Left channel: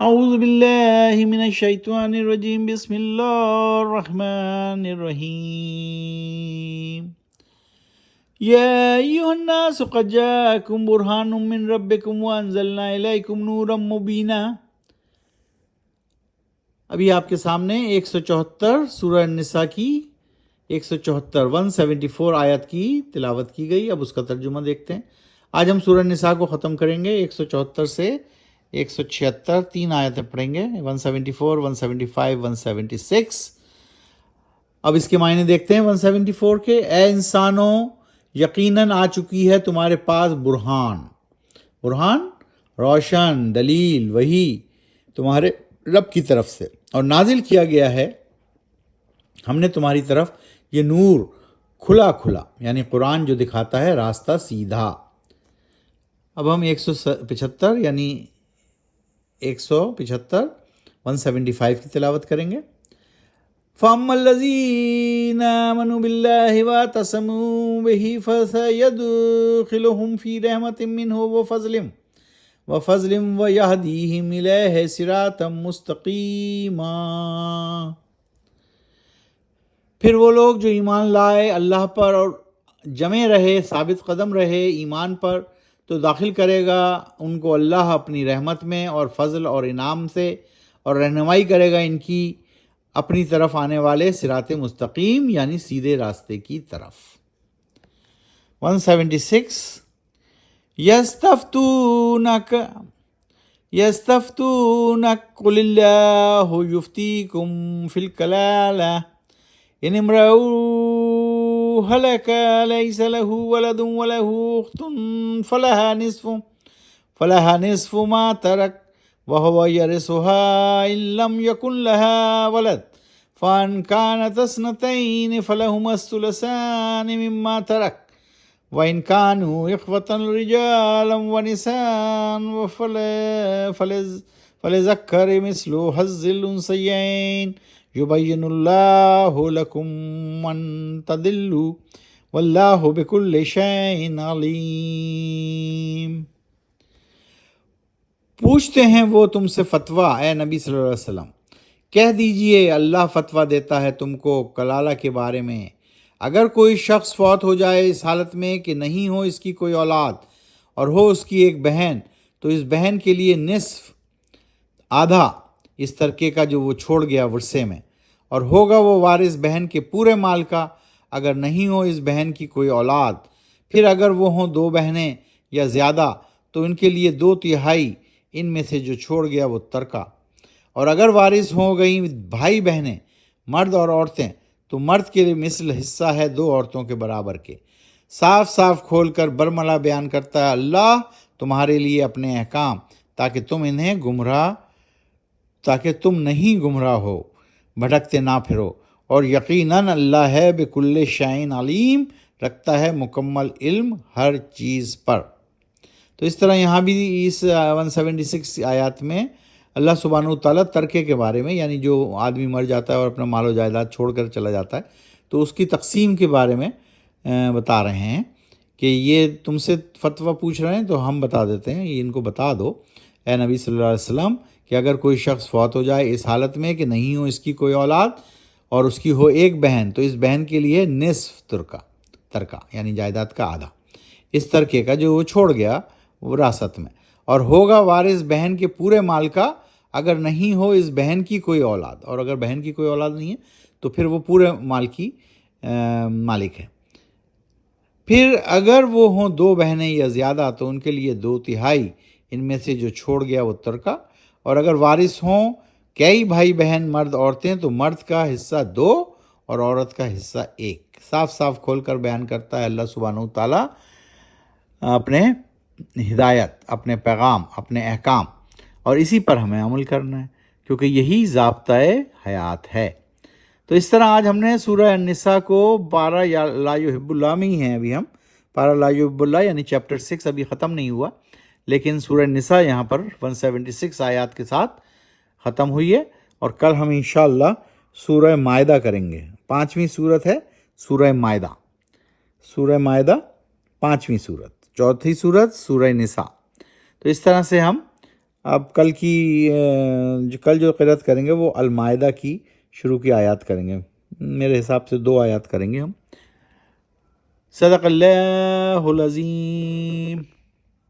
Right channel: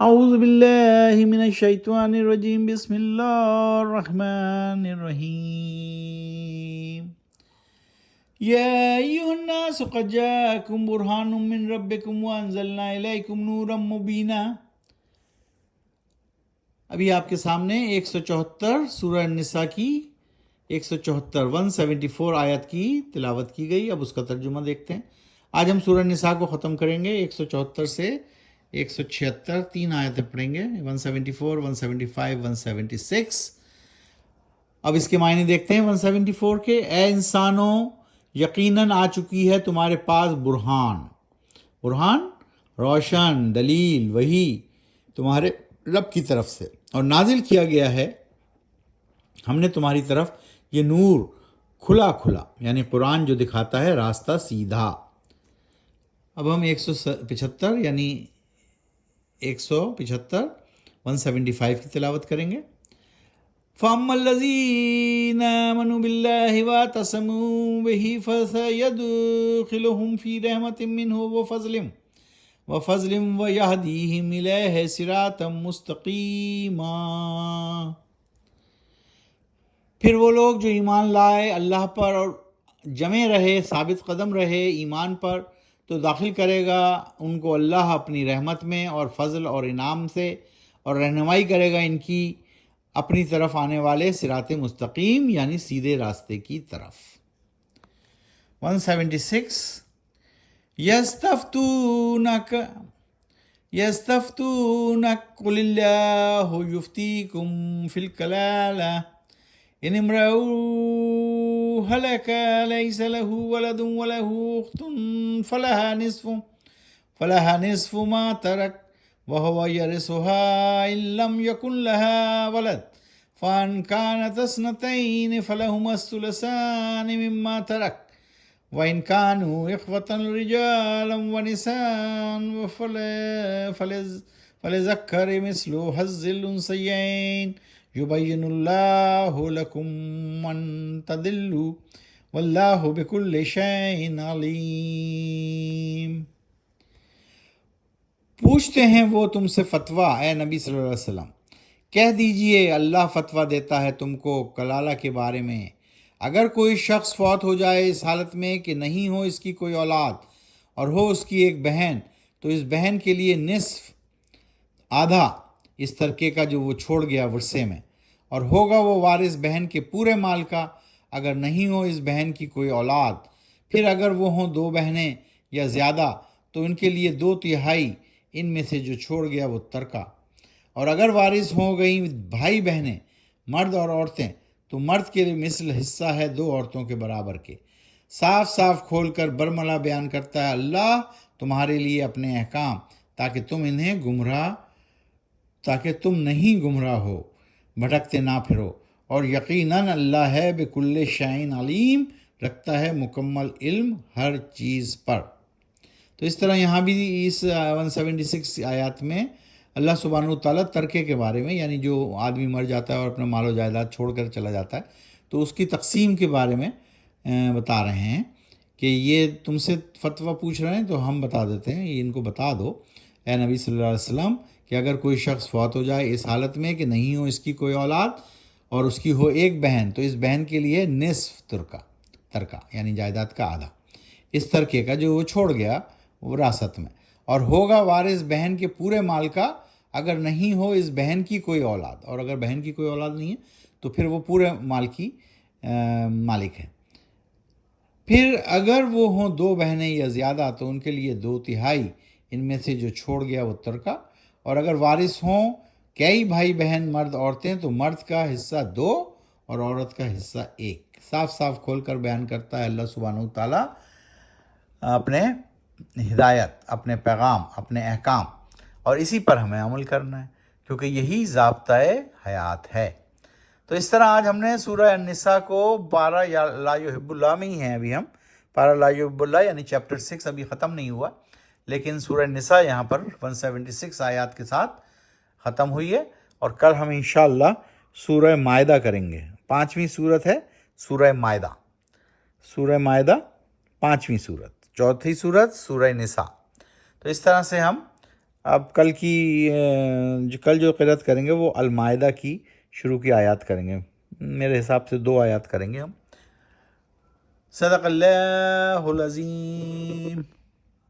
اعوذ باللہ من الشیطان الرجیم بسم اللہ الرحمن الرحیم یا ایھا الناس قد جاءکم برہان من ربکم وانزلنا الیکم نورا مبینا۔ ابھی آپ کے سامنے 174 سورہ النساء کی 174 آیت کی تلاوت کی گئی۔ اب اس کا ترجمہ دیکھتے ہیں۔ آج ہم سورہ النساء کو ختم کریں گے 174 سے 176، 3 آیتیں پڑھیں گے، 174، 175، 176۔ اب اس کے معنی دیکھتے ہیں 174 کے۔ اے انسانوں، یقیناً آ چکی ہے تمہارے پاس برہان روشن دلیل، وحی تمہارے رب کی طرف سے، اور نازل کیا گیا ہے ہم نے تمہاری طرف یہ نور کھلا یعنی قرآن جو دکھاتا ہے راستہ سیدھا۔ اب ہم 175 یعنی 175 کی تلاوت کریں گے۔ فَأَمَّا الَّذِينَ آمَنُوا بِاللَّهِ وَاعْتَصَمُوا بِهِ فَسَيَدْخِلُهُمْ فِي رَحْمَةٍ مِّنْهُ وَفَضْلٍ وَيَهْدِيهِمْ إِلَيْهِ صِرَاطًا مُّسْتَقِيمًا۔ پھر وہ لوگ جو ایمان لائے اللہ پر اور جمے رہے، ثابت قدم رہے ایمان پر، تو داخل کرے گا ان کو اللہ اپنی رحمت میں اور فضل اور انعام سے، اور رہنمائی کرے گا ان کی اپنی طرف آنے والے صراط مستقیم یعنی سیدھے راستے کی طرف۔ 176 یستفتونک قل اللہ یفتیکم فی الکلالہ ان امرؤ هلك ليس له ولد وله أخت فلها نصف ما ترك وهو يرثها إن لم يكن لها ولد فإن كانت اثنتين فلهما الثلثان مما ترك وإن كانوا إخوة رجالا ونساء فللذكر مثل حظ الأنثيين یبین اللہ لکم ان تضلوا واللہ بکل شیء علیم۔ پوچھتے ہیں وہ تم سے فتویٰ، اے نبی صلی اللہ علیہ وسلم، کہہ دیجئے اللہ فتویٰ دیتا ہے تم کو کلالہ کے بارے میں۔ اگر کوئی شخص فوت ہو جائے اس حالت میں کہ نہیں ہو اس کی کوئی اولاد اور ہو اس کی ایک بہن، تو اس بہن کے لیے نصف، آدھا اس ترکے کا جو وہ چھوڑ گیا ورثے میں، اور ہوگا وہ وارث بہن کے پورے مال کا اگر نہیں ہو اس بہن کی کوئی اولاد۔ پھر اگر وہ ہوں 2 بہنیں یا زیادہ تو ان کے لیے 2/3 ان میں سے جو چھوڑ گیا وہ ترکہ۔ اور اگر وارث ہو گئیں بھائی بہنیں، مرد اور عورتیں، تو مرد کے لیے مثل حصہ ہے 2 عورتوں کے برابر کے۔ صاف کھول کر برملا بیان کرتا ہے اللہ تمہارے لیے اپنے احکام، تاکہ تم نہیں گمراہ ہو، بھٹکتے نہ پھرو، اور یقیناً اللہ ہے بکل شیء علیم، رکھتا ہے مکمل علم ہر چیز پر۔ تو اس طرح یہاں بھی اس 176 آیات میں اللہ سبحانہ وتعالیٰ ترکے کے بارے میں، یعنی جو آدمی مر جاتا ہے اور اپنا مال و جائیداد چھوڑ کر چلا جاتا ہے تو اس کی تقسیم کے بارے میں بتا رہے ہیں کہ یہ تم سے فتویٰ پوچھ رہے ہیں تو ہم بتا دیتے ہیں، یہ ان کو بتا دو اے نبی صلی اللہ علیہ وسلم کہ اگر کوئی شخص فوت ہو جائے اس حالت میں کہ نہیں ہو اس کی کوئی اولاد اور اس کی ہو ایک بہن، تو اس بہن کے لیے نصف ترکہ یعنی جائیداد کا آدھا اس ترکے کا جو وہ چھوڑ گیا وراثت میں، اور ہوگا وارث بہن کے پورے مال کا اگر نہیں ہو اس بہن کی کوئی اولاد، اور اگر بہن کی کوئی اولاد نہیں ہے تو پھر وہ پورے مال کی مالک ہے۔ پھر اگر وہ ہوں 2 بہنیں یا زیادہ تو ان کے لیے 2/3 ان میں سے جو چھوڑ گیا وہ ترکہ، اور اگر وارث ہوں کئی بھائی بہن مرد عورتیں تو مرد کا حصہ 2 اور عورت کا حصہ 1۔ صاف کھول کر بیان کرتا ہے اللہ سبحانہ وتعالیٰ اپنے ہدایت، اپنے پیغام، اپنے احکام، اور اسی پر ہمیں عمل کرنا ہے کیونکہ یہی ضابطۂ حیات ہے۔ تو اس طرح آج ہم نے سورہ النساء کو پارہ لا یحب اللہ میں ہی ہیں، ابھی ہم پارہ لا یحب اللہ یعنی چیپٹر 6 ابھی ختم نہیں ہوا، لیکن سورہ النساء یہاں پر 176 آیات کے ساتھ ختم ہوئی ہے، اور کل ہم انشاءاللہ سورہ مائدہ کریں گے۔ 5ویں سورت ہے سورہ مائدہ، 5ویں سورت، 4تھی سورت سورہ نساء۔ تو اس طرح سے ہم اب کل جو قرأت کریں گے وہ المائدہ کی شروع کی آیات کریں گے، میرے حساب سے 2 آیات کریں گے ہم۔ صدق اللہ العظیم۔